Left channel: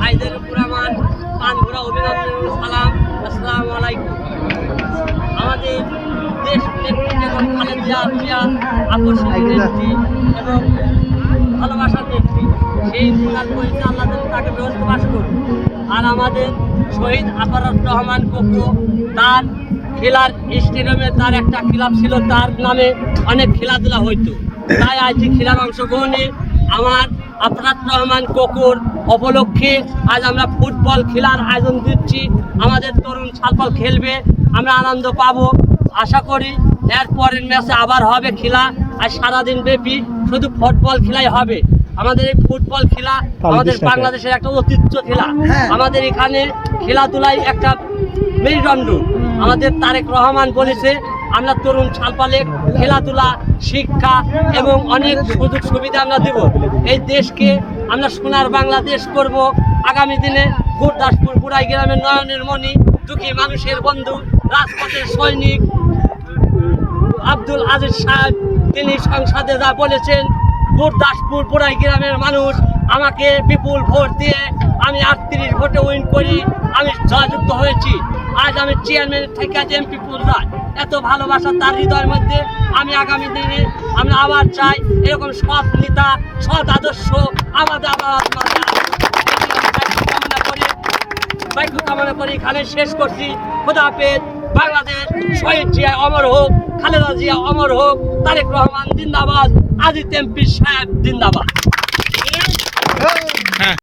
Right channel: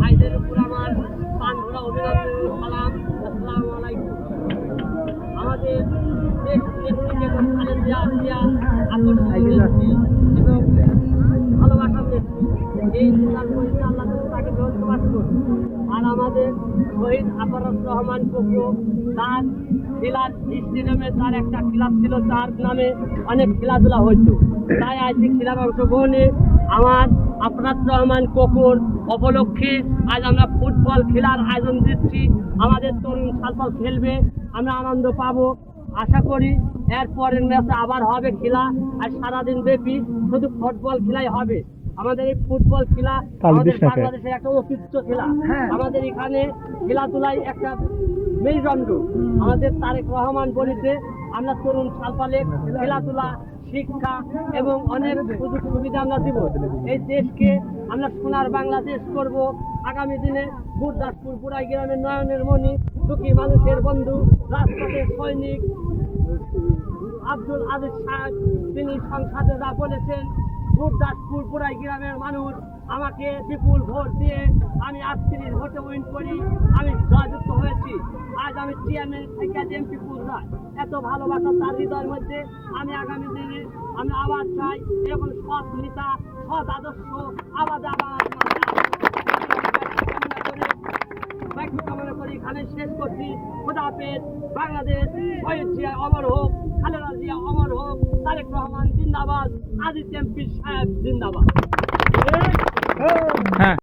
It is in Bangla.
ভাইদের উপর আমার প্রাণ ভরা অভিনন্দন ও সালাম। আসসালামু আলাইকুম। আমাদের দেশ নেত্রী এবং খালেদা জিয়া আকর্ষণীয় নেত্রী এবং ভালোবাসার নেত্রী, সেই প্রকার করেছে আল্লাহ যেন তাকে ব্যবস্থা বাস করুন। আর আমাদের শহীদ আফারুর রহমান কোকো, তার খেলার স্টেডিয়ামে তার একটা ক্লাব ছিল, তার নামে অনেক খেলাধুলা হইতো। তাই আজ এই খেলার অংশগ্রহণে আমার আফারুর রহমান কোকোর উপলক্ষে আজ আমরা ফুটবল খেলার আয়োজন দিচ্ছি। আমাদের তরুণ ছালপাল খেলবে, আমরা আনন্দ পাবো। আশা করি এর পরের ম্যাচে আবার হবে খেলা। আর সারাদিন ব্যাপী শুধু ফুটবল খেলাই হবে। আমাদের এই ফুটবল খেলা আমাদের বাংলাদেশের একটা ঐতিহ্য খেলা। আমাদের এখানে খেলাধুলায় একটা মেরুদণ্ড। আমাদের তারেক রহমান বলেছে আমরা তরুণ ছালপালে খেলাধুলা, শিক্ষা এবং অনেক সুযোগ সুবিধা আমরা দেব। এই দেশকে আমরা সোনার বাংলাদেশ করব। আগামী দিনে গুরদাসপুর বুড়াই গ্রামের নয়নের মণি, দুঃখী মানুষের বন্ধু, রাজপথের সৈনিক আব্দুল আজিজ সাহেব, তিনি সংসদে যা বলেছেন, গুরদাসপুর বুড়াই গ্রামের মানুষ আমাকে বিপুল ভোট দিয়ে আমি 38 ভোটে উইন করি আমি জয়যুক্ত হয়েছি। আজ আমি চেয়ারম্যান থেকে এমপি পর্যায়ে এত ভালোবাসা তার হৃদয়ের মধ্যে। আমি আগামী দিনে আমরা আবার চাই এরকম সৎ নেতা, সৎ আদর্শ আমাদের আবার কামনা করি। বাইকু কামনা করি, এখানে শেষ করছি। খোদা হাফেজ। বাংলাদেশ শহীদ জিয়া অমর হোক, খালেদা জিয়া অমর হোক, তারেক রহমান জিন্দাবাদ, আজিজ এমপি সাহেব জিন্দাবাদ।